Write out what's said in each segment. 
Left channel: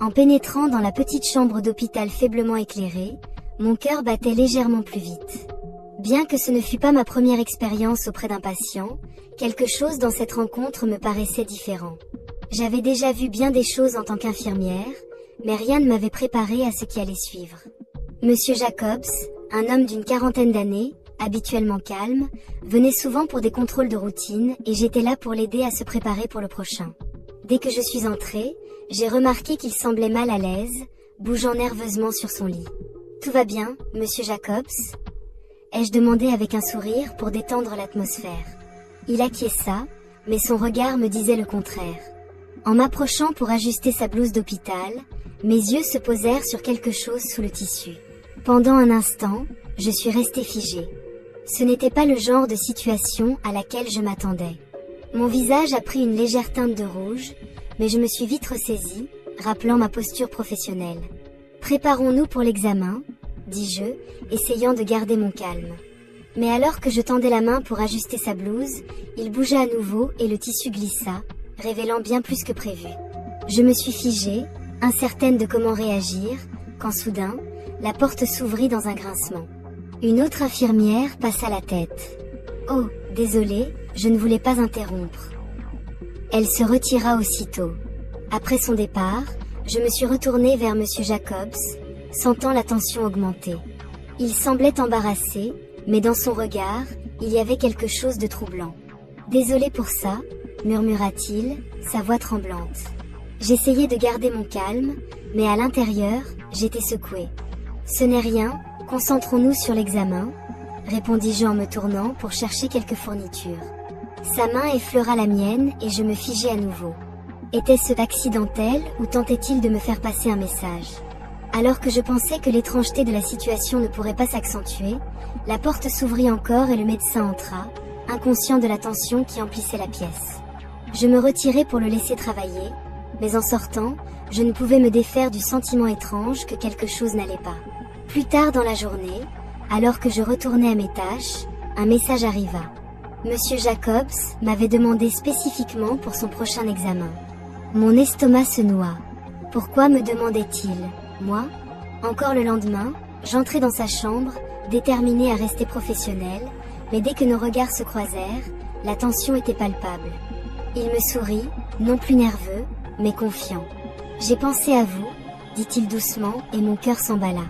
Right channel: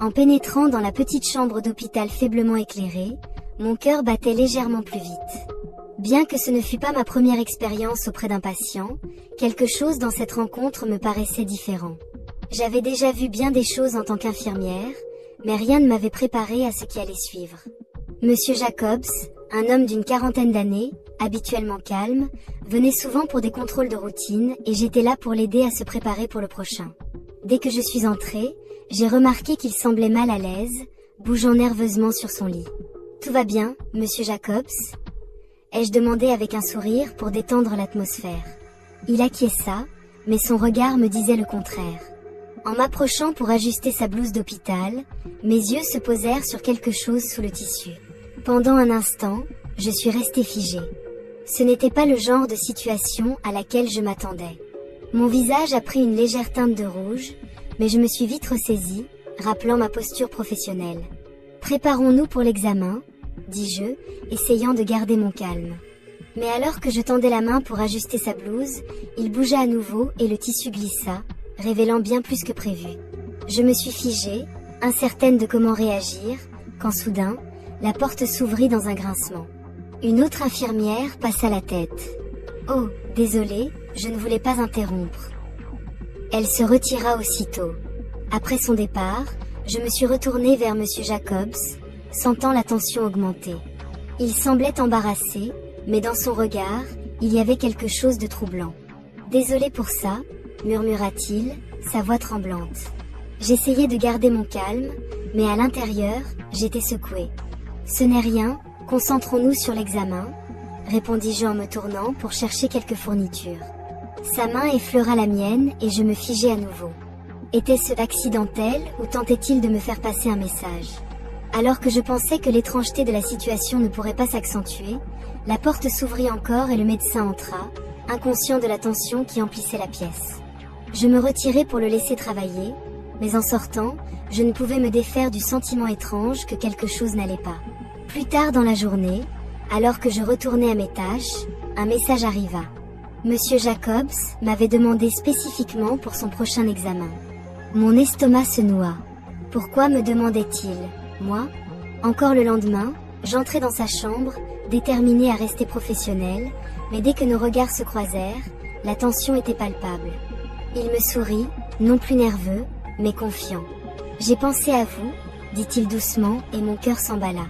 En pénétrant dans la petite chambre d'hôpital faiblement éclairée, mon cœur battait légèrement plus vite. Bien que ce ne fût pas ma première expérience auprès d'un patient, quelque chose dans cette rencontre me paraissait différent. J'avais déjà vu bien des choses en tant qu'infirmière, mais rien ne m'avait préparé à ce qui allait suivre. Monsieur Jacobs, un homme d'une quarantaine d'années, habituellement calme, venait souvent pour des contrôles de routine et j'étais là pour l'aider à se préparer pour le prochain. Dès que je suis entrée, j'ai remarqué qu'il semblait mal à l'aise, bougeant nerveusement sur son lit. « Tout va bien, monsieur Jacobs ?» ai-je demandé avec un sourire pour détendre l'atmosphère. Il acquiesça, mais son regard me disait le contraire. En m'approchant pour ajuster sa blouse d'hôpital, mes yeux se posèrent sur quelque chose sous le tissu. Pendant un instant, je suis restée figée. Ce n'était pas le genre de situation à laquelle je m'attendais. Mon visage a pris une légère teinte de rouge, mais je me suis vite ressaisie, rappelant ma posture professionnelle. « Préparons-nous pour l'examen », dis-je, essayant de garder mon calme. Mais alors que je tendais la main pour ajuster sa blouse, il bougea à nouveau et le tissu glissa, révélant bien plus que prévu. Je me suis figée, incertaine de comment réagir, quand soudain, la porte s'ouvrit dans un grincement. Une autre infirmière passa la tête. « Oh, désolée, je ne voulais pas interrompre. » Elle se retira aussitôt. Après son départ, je me suis retournée vers monsieur Jacobs, sentant la tension augmenter. Il semblait embarrassé, mais dans son regard, il y avait quelque chose de troublant. « Désolé pour ça », murmura-t-il, sa voix tremblante. J'essayais de garder mon calme, mais à l'intérieur, j'étais secouée. « Ce n'est rien, concentrons-nous sur l'examen », répondis-je en me tournant pour chercher quelques fournitures. Sa main effleura la mienne et je me figeai à nouveau. Était-ce accidentel ou tentait-il de me faire passer un message ? Alors que je pensais que l'étrangeté de la situation ne pourrait pas s'accentuer, la porte s'ouvrit encore et le médecin entra, inconscient de la tension qui emplissait la pièce. Je me retirai pour le laisser travailler, mais en sortant, je ne pouvais me défaire du sentiment étrange que quelque chose n'allait pas. Plus tard dans la journée, alors que je retournais à mes tâches, un message arriva. Monsieur Jacobs m'avait demandé spécifiquement pour son prochain examen. Mon estomac se noua. Pourquoi me demandait-il ? Moi ? Encore le lendemain, j'entrai dans sa chambre, déterminée à rester professionnelle, mais dès que nos regards se croisèrent, la tension était palpable. Il me sourit, non plus nerveux, mais confiant. « J'ai pensé à vous », dit-il doucement, et mon cœur s'emballa.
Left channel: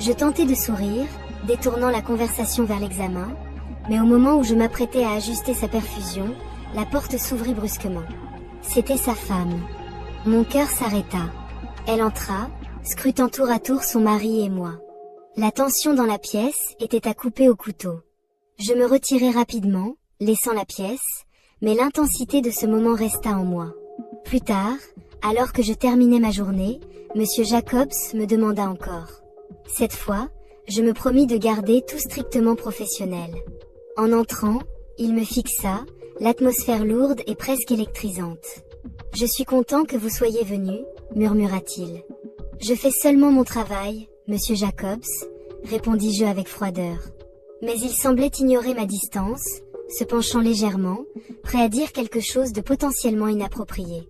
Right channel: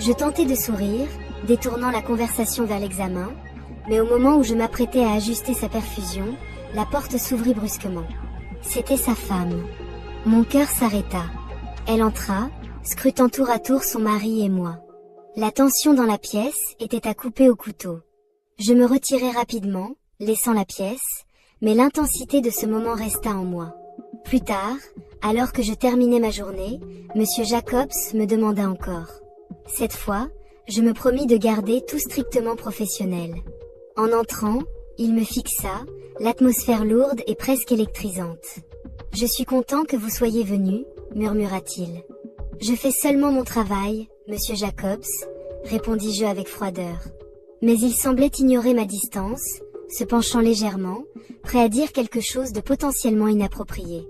Je tentai de sourire, détournant la conversation vers l'examen, mais au moment où je m'apprêtais à ajuster sa perfusion, la porte s'ouvrit brusquement. C'était sa femme. Mon cœur s'arrêta. Elle entra, scrutant tour à tour son mari et moi. La tension dans la pièce était à couper au couteau. Je me retirai rapidement, laissant la pièce, mais l'intensité de ce moment resta en moi. Plus tard, alors que je terminais ma journée, monsieur Jacobs me demanda encore. Cette fois, je me promis de garder tout strictement professionnel. En entrant, il me fixa, l'atmosphère lourde et presque électrisante. « Je suis content que vous soyez venu », murmura-t-il. « Je fais seulement mon travail, monsieur Jacobs », répondis-je avec froideur. Mais il semblait ignorer ma distance, se penchant légèrement, prêt à dire quelque chose de potentiellement inapproprié.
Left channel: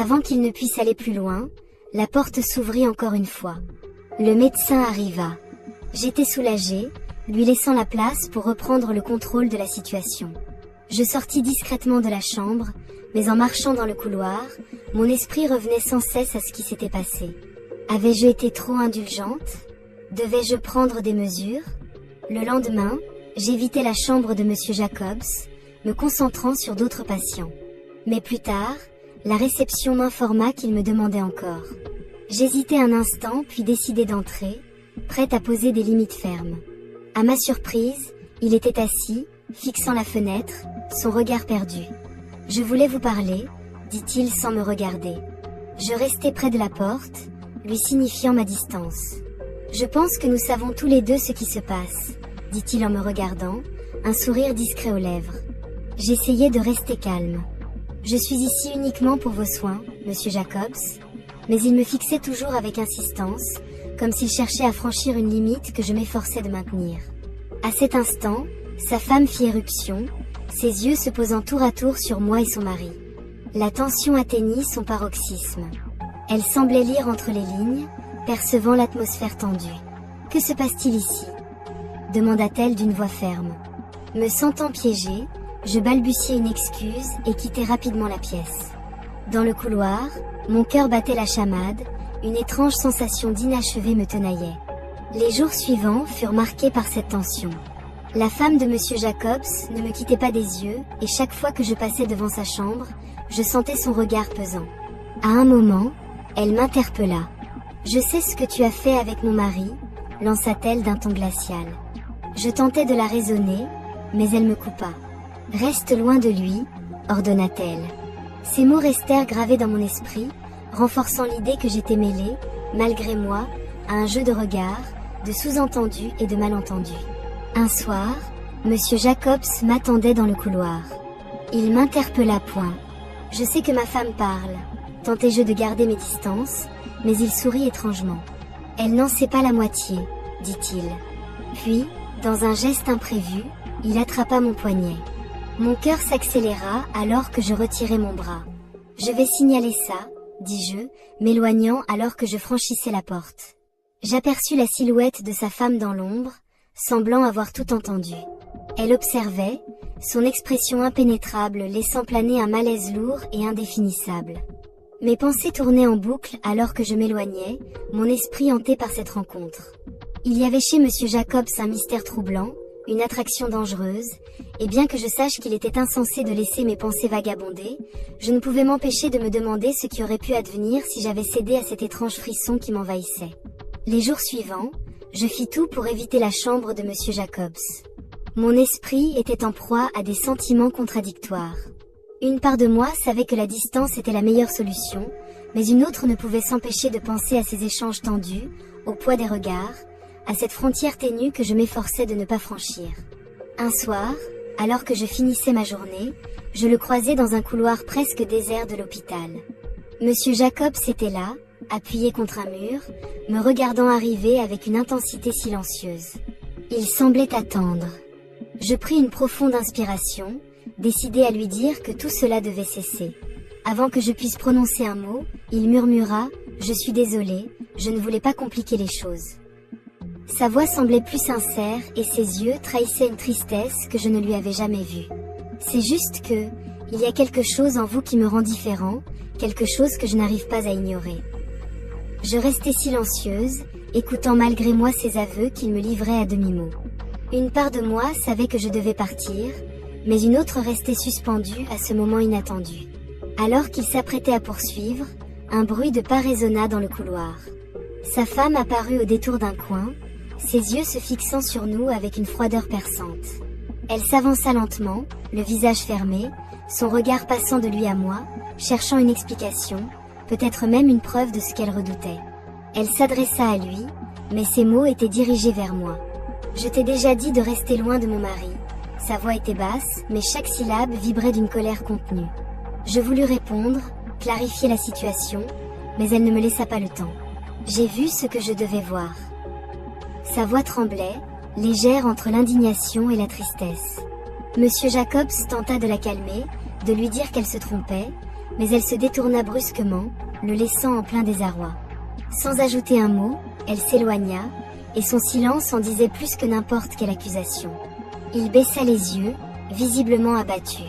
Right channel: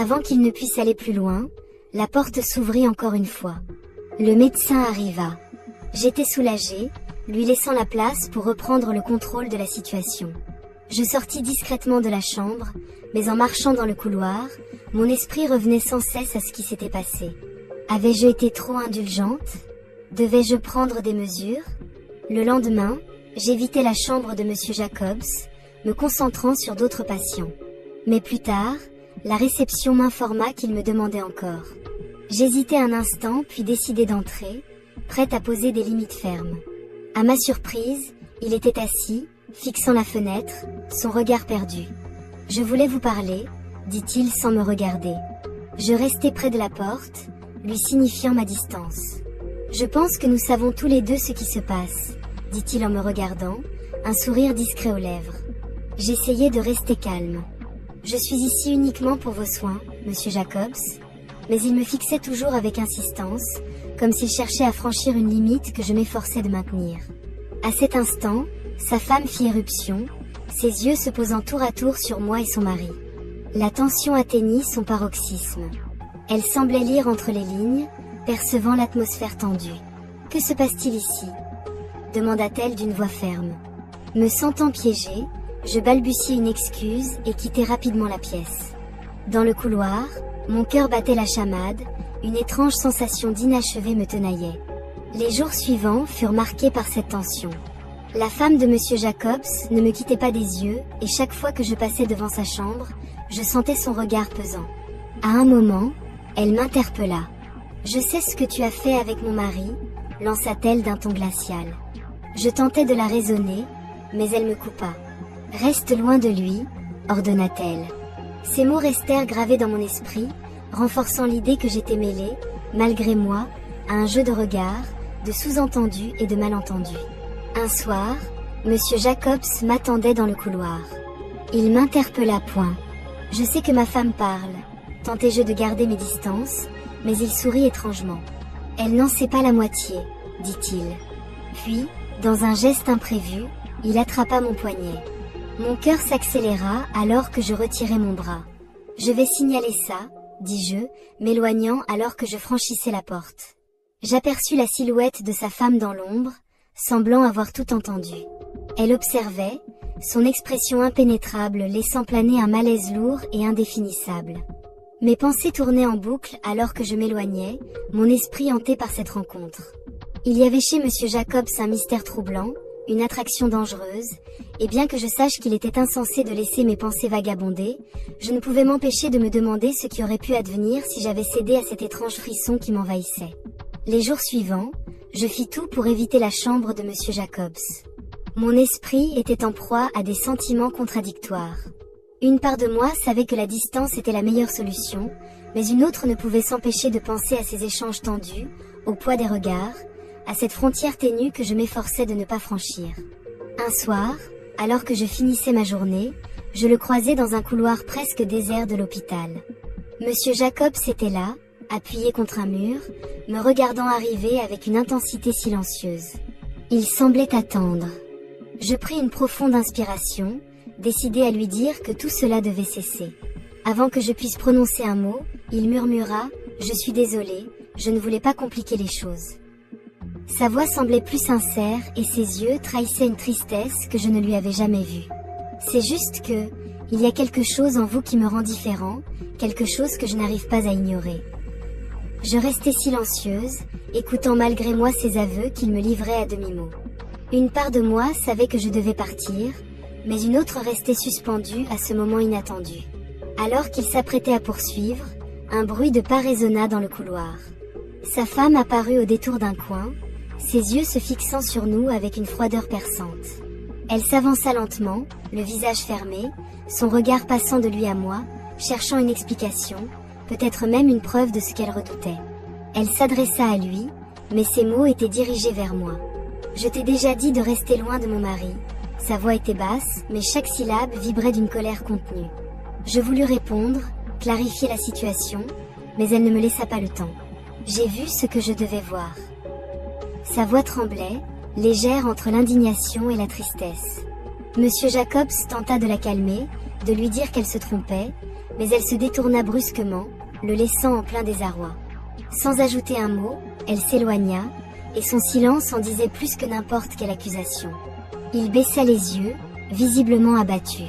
Avant qu'il ne puisse aller plus loin, la porte s'ouvrit encore une fois. Le médecin arriva. J'étais soulagée, lui laissant la place pour reprendre le contrôle de la situation. Je sortis discrètement de la chambre, mais en marchant dans le couloir, mon esprit revenait sans cesse à ce qui s'était passé. Avais-je été trop indulgente ? Devais-je prendre des mesures ? Le lendemain, j'évitais la chambre de monsieur Jacobs, me concentrant sur d'autres patients. Mais plus tard, la réception m'informa qu'il me demandait encore. J'hésitai un instant puis décidai d'entrer, prête à poser des limites fermes. À ma surprise, il était assis, fixant la fenêtre, son regard perdu. « Je voulais vous parler », dit-il sans me regarder. Je restai près de la porte, lui signifiant ma distance. « Je pense que nous savons tous les deux ce qui se passe », dit-il en me regardant, un sourire discret aux lèvres. J'essayais de rester calme. « Je suis ici uniquement pour vos soins, monsieur Jacobs », mais il me fixait toujours avec insistance, comme s'il cherchait à franchir une limite que je m'efforçais de maintenir. À cet instant, sa femme fit éruption, ses yeux se posant tour à tour sur moi et son mari. La tension atteignit son paroxysme. Elle semblait lire entre les lignes, percevant l'atmosphère tendue. « Que se passe-t-il ici ?» demanda-t-elle d'une voix ferme. Me sentant piégée, je balbutiai une excuse et quittai rapidement la pièce. Dans le couloir, mon cœur battait la chamade, une étrange sensation d'inachevé me tenaillait. Les jours suivants furent marqués par cette tension. La femme de Monsieur Jacobs ne me quittait pas des yeux, et chaque fois que je passais devant sa chambre, je sentais son regard pesant. À un moment, elle m'interpella. « Je sais ce que tu as fait avec mon mari », lança-t-elle d'un ton glacial. Je tentai de la raisonner, mais elle me coupa. « Reste loin de lui », ordonna-t-elle. Ces mots restèrent gravés dans mon esprit, renforçant l'idée que j'étais mêlée, malgré moi, à un jeu de regards, de sous-entendus et de malentendus. Un soir, Monsieur Jacobs m'attendait dans le couloir. Il m'interpella point. « Je sais que ma femme parle », tentai-je de garder mes distances, mais il sourit étrangement. « Elle n'en sait pas la moitié », dit-il. Puis, dans un geste imprévu, il attrapa mon poignet. Mon cœur s'accéléra alors que je retirai mon bras. « Je vais signaler ça », dis-je, m'éloignant alors que je franchissais la porte. J'aperçus la silhouette de sa femme dans l'ombre, semblant avoir tout entendu. Elle observait, son expression impénétrable laissant planer un malaise lourd et indéfinissable. Mes pensées tournaient en boucle alors que je m'éloignais, mon esprit hanté par cette rencontre. Il y avait chez Monsieur Jacobs un mystère troublant, une attraction dangereuse, et bien que je sache qu'il était insensé de laisser mes pensées vagabonder, je ne pouvais m'empêcher de me demander ce qui aurait pu advenir si j'avais cédé à cet étrange frisson qui m'envahissait. Les jours suivants, je fis tout pour éviter la chambre de Monsieur Jacobs. Mon esprit était en proie à des sentiments contradictoires. Une part de moi savait que la distance était la meilleure solution, mais une autre ne pouvait s'empêcher de penser à ces échanges tendus, au poids des regards, à cette frontière ténue que je m'efforçais de ne pas franchir. Un soir, alors que je finissais ma journée, je le croisai dans un couloir presque désert de l'hôpital. Monsieur Jacobs était là, appuyé contre un mur, me regardant arriver avec une intensité silencieuse. Il semblait attendre. Je pris une profonde inspiration, décidé à lui dire que tout cela devait cesser. Avant que je puisse prononcer un mot, il murmura « Je suis désolé, je ne voulais pas compliquer les choses ». Sa voix semblait plus sincère et ses yeux trahissaient une tristesse que je ne lui avais jamais vue. « C'est juste que, il y a quelque chose en vous qui me rend différent, quelque chose que je n'arrive pas à ignorer. » Je restai silencieuse, écoutant malgré moi ses aveux qu'il me livrait à demi-mot. Une part de moi savait que je devais partir, mais une autre restait suspendue à ce moment inattendu. Alors qu'il s'apprêtait à poursuivre, un bruit de pas résonna dans le couloir. Sa femme apparut au détour d'un coin, ses yeux se fixant sur nous avec une froideur perçante. Elle s'avança lentement, le visage fermé, son regard passant de lui à moi, cherchant une explication, peut-être même une preuve de ce qu'elle redoutait. Elle s'adressa à lui, mais ses mots étaient dirigés vers moi. « Je t'ai déjà dit de rester loin de mon mari. » Sa voix était basse, mais chaque syllabe vibrait d'une colère contenue. Je voulus répondre, clarifier la situation, mais elle ne me laissa pas le temps. J'ai vu ce que je devais voir. Sa voix tremblait, légère entre l'indignation et la tristesse. Monsieur Jacobs tenta de la calmer, de lui dire qu'elle se trompait, mais elle se détourna brusquement, le laissant en plein désarroi. Sans ajouter un mot, elle s'éloigna, et son silence en disait plus que n'importe quelle accusation. Il baissa les yeux, visiblement abattu.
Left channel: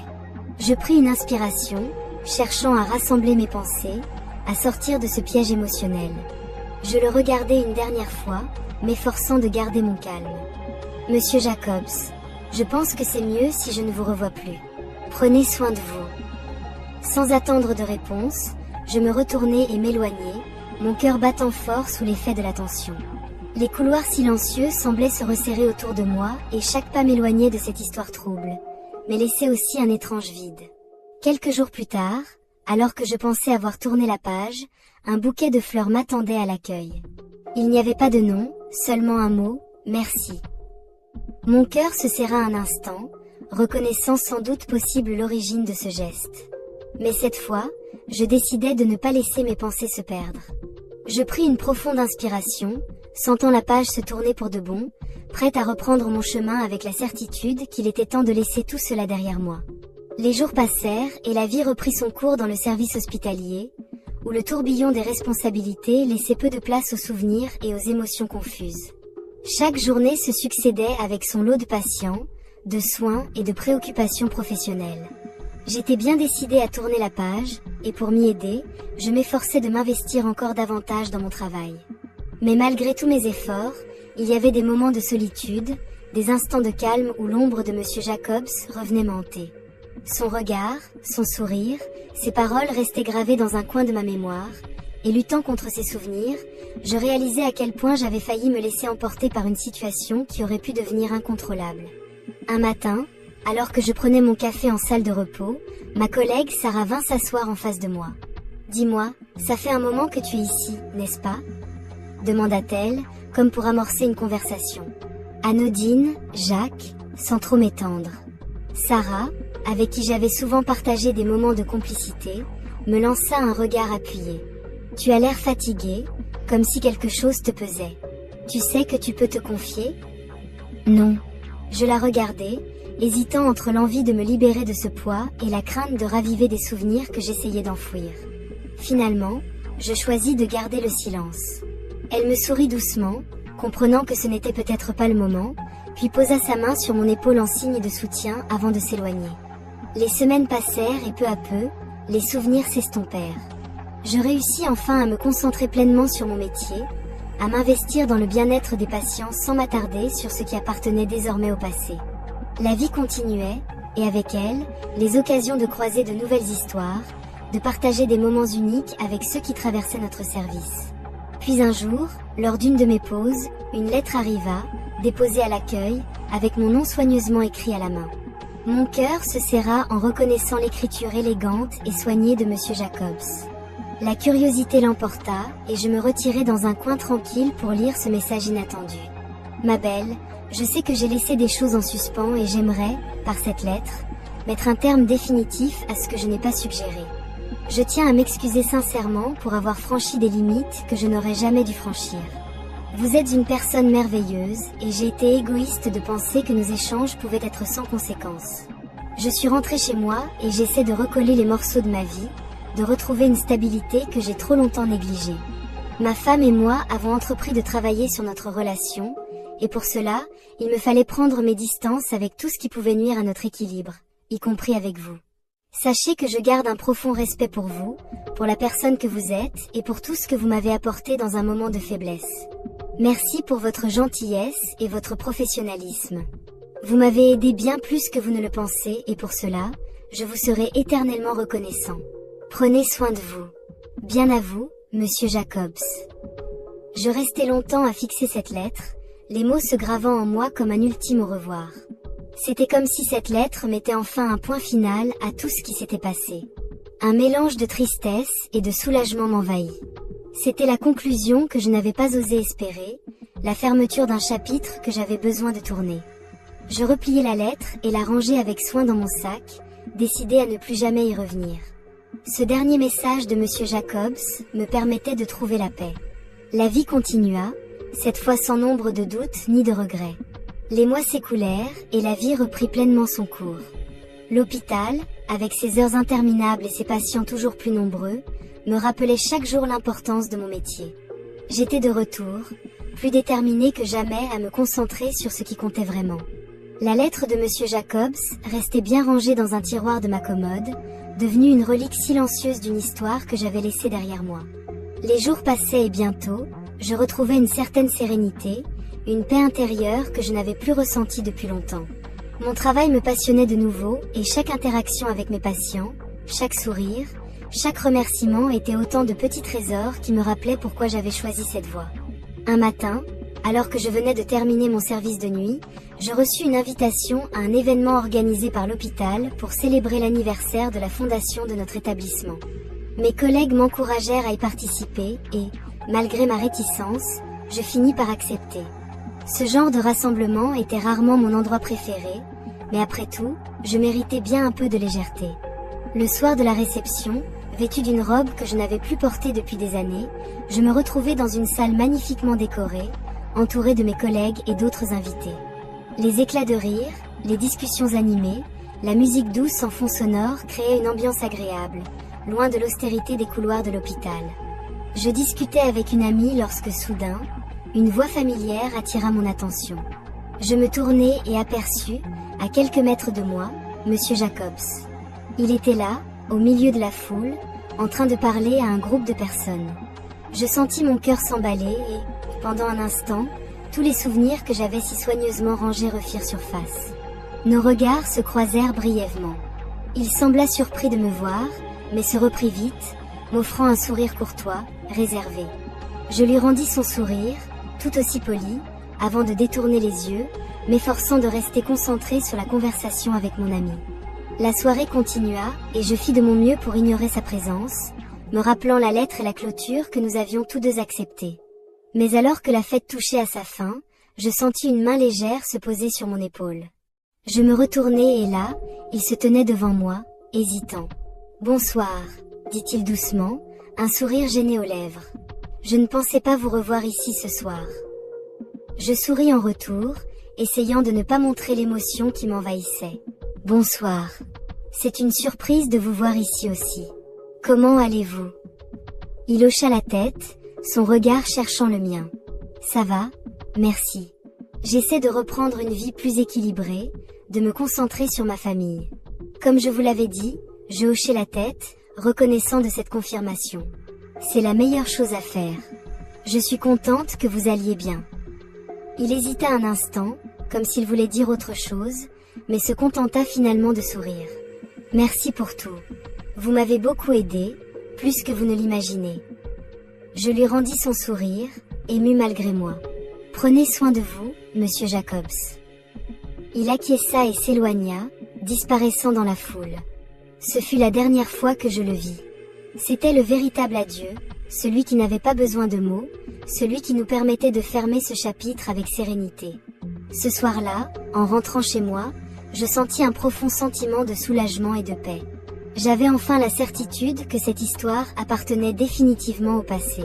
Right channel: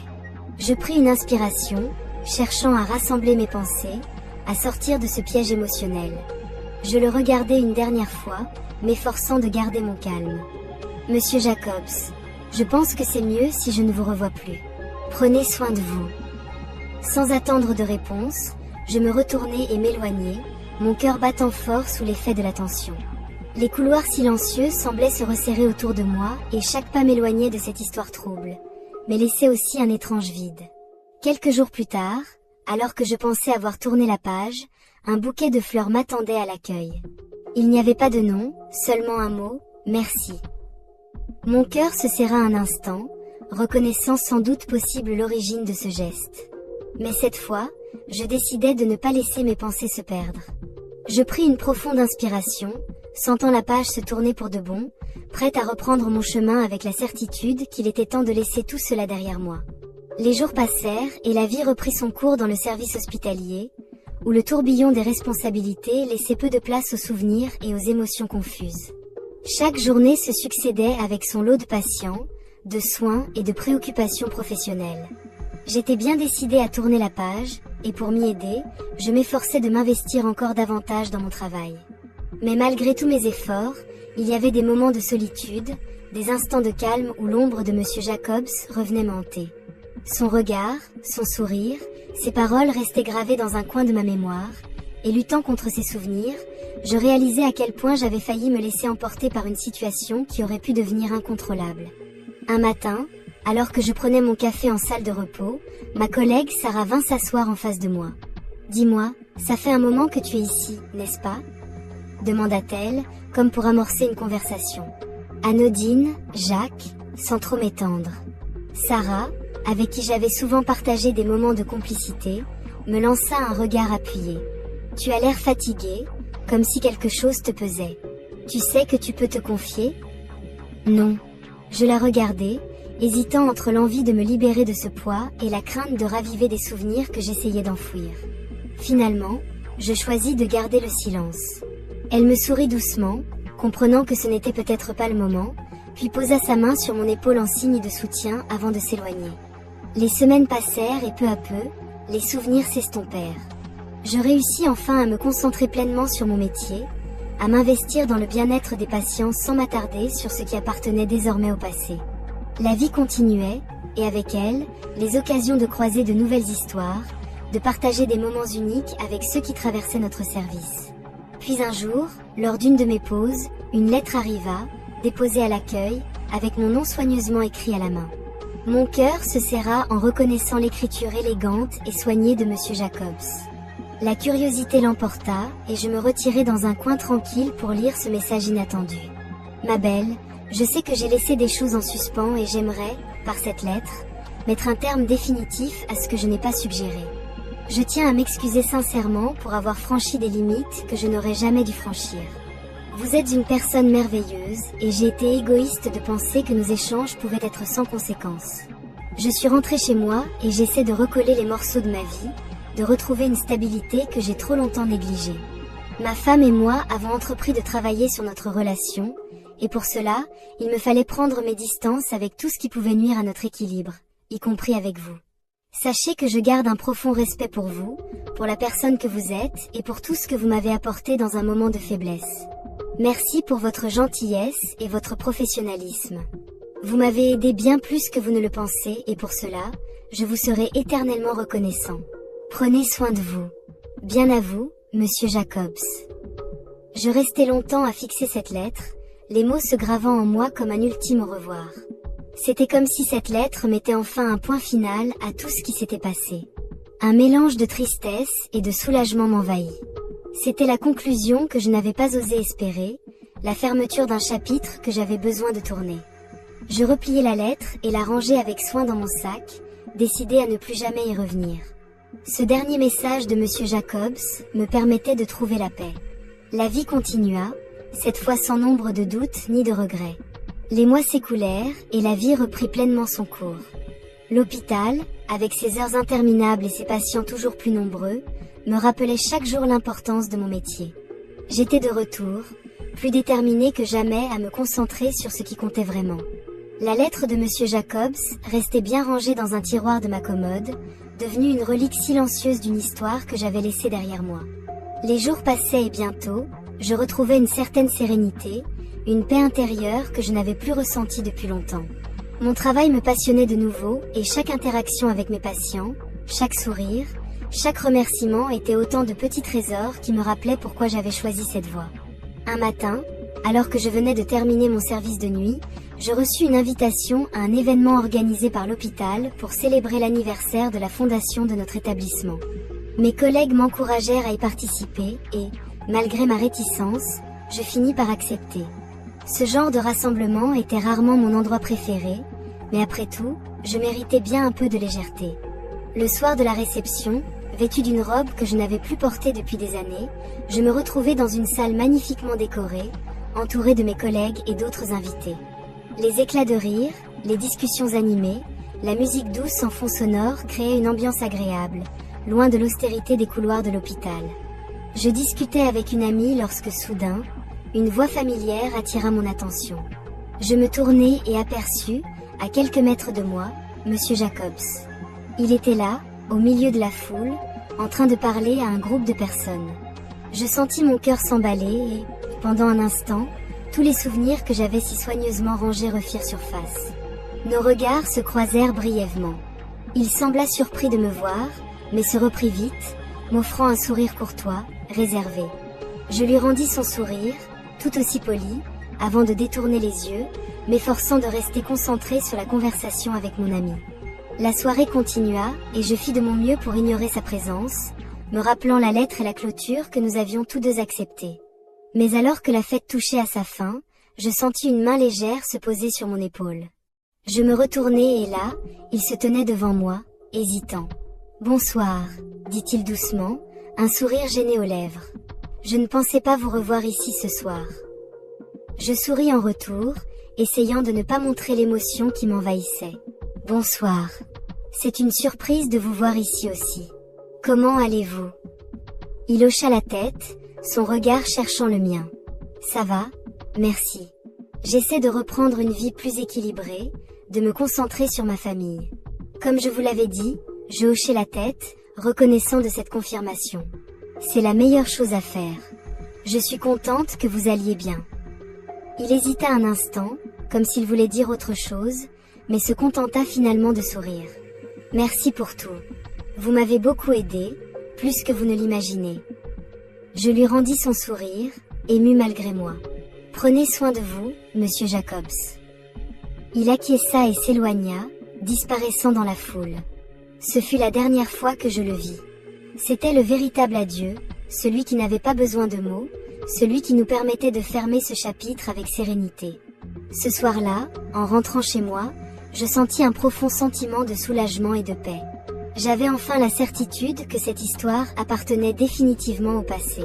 Je pris une inspiration, cherchant à rassembler mes pensées, à sortir de ce piège émotionnel. Je le regardai une dernière fois, m'efforçant de garder mon calme. « Monsieur Jacobs, je pense que c'est mieux si je ne vous revois plus. Prenez soin de vous. » Sans attendre de réponse, je me retournai et m'éloignai, mon cœur battant fort sous l'effet de la tension. Les couloirs silencieux semblaient se resserrer autour de moi et chaque pas m'éloignait de cette histoire trouble, mais laissait aussi un étrange vide. Quelques jours plus tard, alors que je pensais avoir tourné la page, un bouquet de fleurs m'attendait à l'accueil. Il n'y avait pas de nom, seulement un mot, merci. Mon cœur se serra un instant, reconnaissant sans doute possible l'origine de ce geste. Mais cette fois, je décidai de ne pas laisser mes pensées se perdre. Je pris une profonde inspiration, sentant la page se tourner pour de bon, prête à reprendre mon chemin avec la certitude qu'il était temps de laisser tout cela derrière moi. Les jours passèrent et la vie reprit son cours dans le service hospitalier, où le tourbillon des responsabilités laissait peu de place aux souvenirs et aux émotions confuses. Chaque journée se succédait avec son lot de patients, de soins et de préoccupations professionnelles. J'étais bien décidée à tourner la page, et pour m'y aider, je m'efforçais de m'investir encore davantage dans mon travail. Mais malgré tous mes efforts, il y avait des moments de solitude, des instants de calme où l'ombre de Monsieur Jacobs revenait m'hanter. Son regard, son sourire, ses paroles restaient gravées dans un coin de ma mémoire, et luttant contre ces souvenirs, je réalisais à quel point j'avais failli me laisser emporter par une situation qui aurait pu devenir incontrôlable. Un matin, alors que je prenais mon café en salle de repos, ma collègue Sarah vint s'asseoir en face de moi. « Dis-moi, ça fait un moment que tu es ici, n'est-ce pas ?» demanda-t-elle, comme pour amorcer une conversation. Anodine, Jacques, sans trop m'étendre. Sarah, avec qui j'avais souvent partagé des moments de complicité, me lança un regard appuyé. « Tu as l'air fatigué, comme si quelque chose te pesait. Tu sais que tu peux te confier ?» Non. Je la regardais, hésitant entre l'envie de me libérer de ce poids et la crainte de raviver des souvenirs que j'essayais d'enfouir. Finalement, je choisis de garder le silence. Elle me sourit doucement, comprenant que ce n'était peut-être pas le moment, puis posa sa main sur mon épaule en signe de soutien avant de s'éloigner. Les semaines passèrent et peu à peu, les souvenirs s'estompèrent. Je réussis enfin à me concentrer pleinement sur mon métier, à m'investir dans le bien-être des patients sans m'attarder sur ce qui appartenait désormais au passé. La vie continuait, et avec elle, les occasions de croiser de nouvelles histoires, de partager des moments uniques avec ceux qui traversaient notre service. Puis un jour, lors d'une de mes pauses, une lettre arriva, déposée à l'accueil, avec mon nom soigneusement écrit à la main. Mon cœur se serra en reconnaissant l'écriture élégante et soignée de Monsieur Jacobs. La curiosité l'emporta, et je me retirai dans un coin tranquille pour lire ce message inattendu. Ma belle, je sais que j'ai laissé des choses en suspens et j'aimerais, par cette lettre, mettre un terme définitif à ce que je n'ai pas suggéré. Je tiens à m'excuser sincèrement pour avoir franchi des limites que je n'aurais jamais dû franchir. Vous êtes une personne merveilleuse et j'ai été égoïste de penser que nos échanges pouvaient être sans conséquence. Je suis rentrée chez moi et j'essaie de recoller les morceaux de ma vie, de retrouver une stabilité que j'ai trop longtemps négligée. Ma femme et moi avons entrepris de travailler sur notre relation, et pour cela, il me fallait prendre mes distances avec tout ce qui pouvait nuire à notre équilibre, y compris avec vous. Sachez que je garde un profond respect pour vous, pour la personne que vous êtes et pour tout ce que vous m'avez apporté dans un moment de faiblesse. Merci pour votre gentillesse et votre professionnalisme. Vous m'avez aidé bien plus que vous ne le pensez et pour cela, je vous serai éternellement reconnaissant. Prenez soin de vous. Bien à vous, Monsieur Jacobs. Je restai longtemps à fixer cette lettre, les mots se gravant en moi comme un ultime au revoir. C'était comme si cette lettre mettait enfin un point final à tout ce qui s'était passé. Un mélange de tristesse et de soulagement m'envahit. C'était la conclusion que je n'avais pas osé espérer, la fermeture d'un chapitre que j'avais besoin de tourner. Je repliai la lettre et la rangeai avec soin dans mon sac, décidé à ne plus jamais y revenir. Ce dernier message de Monsieur Jacobs me permettait de trouver la paix. La vie continua, cette fois sans nombre de doutes ni de regrets. Les mois s'écoulèrent et la vie reprit pleinement son cours. L'hôpital, avec ses heures interminables et ses patients toujours plus nombreux, me rappelait chaque jour l'importance de mon métier. J'étais de retour, plus déterminée que jamais à me concentrer sur ce qui comptait vraiment. La lettre de Monsieur Jacobs restait bien rangée dans un tiroir de ma commode, devenue une relique silencieuse d'une histoire que j'avais laissée derrière moi. Les jours passaient et bientôt, je retrouvais une certaine sérénité, une paix intérieure que je n'avais plus ressentie depuis longtemps. Mon travail me passionnait de nouveau et chaque interaction avec mes patients, chaque sourire, chaque remerciement était autant de petits trésors qui me rappelaient pourquoi j'avais choisi cette voie. Un matin, alors que je venais de terminer mon service de nuit, je reçus une invitation à un événement organisé par l'hôpital pour célébrer l'anniversaire de la fondation de notre établissement. Mes collègues m'encouragèrent à y participer et, malgré ma réticence, je finis par accepter. Ce genre de rassemblement était rarement mon endroit préféré, mais après tout, je méritais bien un peu de légèreté. Le soir de la réception, vêtue d'une robe que je n'avais plus portée depuis des années, je me retrouvais dans une salle magnifiquement décorée, entourée de mes collègues et d'autres invités. Les éclats de rire, les discussions animées, la musique douce en fond sonore créaient une ambiance agréable, loin de l'austérité des couloirs de l'hôpital. Je discutais avec une amie lorsque soudain, une voix familière attira mon attention. Je me tournai et aperçus, à quelques mètres de moi, Monsieur Jacobs. Il était là, au milieu de la foule, en train de parler à un groupe de personnes. Je sentis mon cœur s'emballer et, pendant un instant, tous les souvenirs que j'avais si soigneusement rangés refirent surface. Nos regards se croisèrent brièvement. Il sembla surpris de me voir, mais se reprit vite, m'offrant un sourire courtois, réservé. Je lui rendis son sourire, tout aussi poli, avant de détourner les yeux, m'efforçant de rester concentré sur la conversation avec mon ami. La soirée continua, et je fis de mon mieux pour ignorer sa présence, me rappelant la lettre et la clôture que nous avions tous deux acceptées. Mais alors que la fête touchait à sa fin, je sentis une main légère se poser sur mon épaule. Je me retournai et là, il se tenait devant moi, hésitant. « Bonsoir », dit-il doucement, un sourire gêné aux lèvres. « Je ne pensais pas vous revoir ici ce soir. » Je souris en retour, essayant de ne pas montrer l'émotion qui m'envahissait. « Bonsoir. C'est une surprise de vous voir ici aussi. Comment allez-vous » Il hocha la tête, son regard cherchant le mien. « Ça va, merci. J'essaie de reprendre une vie plus équilibrée, de me concentrer sur ma famille. » Comme je vous l'avais dit, je hochai la tête, reconnaissant de cette confirmation. C'est la meilleure chose à faire. Je suis contente que vous alliez bien. Il hésita un instant, comme s'il voulait dire autre chose, mais se contenta finalement de sourire. Merci pour tout. Vous m'avez beaucoup aidé, plus que vous ne l'imaginez. Je lui rendis son sourire, ému malgré moi. Prenez soin de vous, Monsieur Jacobs. Il acquiesça et s'éloigna, disparaissant dans la foule. Ce fut la dernière fois que je le vis. C'était le véritable adieu, celui qui n'avait pas besoin de mots, celui qui nous permettait de fermer ce chapitre avec sérénité. Ce soir-là, en rentrant chez moi, je sentis un profond sentiment de soulagement et de paix. J'avais enfin la certitude que cette histoire appartenait définitivement au passé.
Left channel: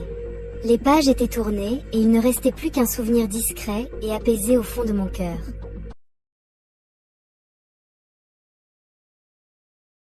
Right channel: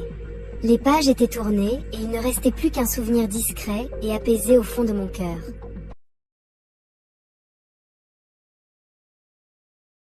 Les pages étaient tournées et il ne restait plus qu'un souvenir discret et apaisé au fond de mon cœur.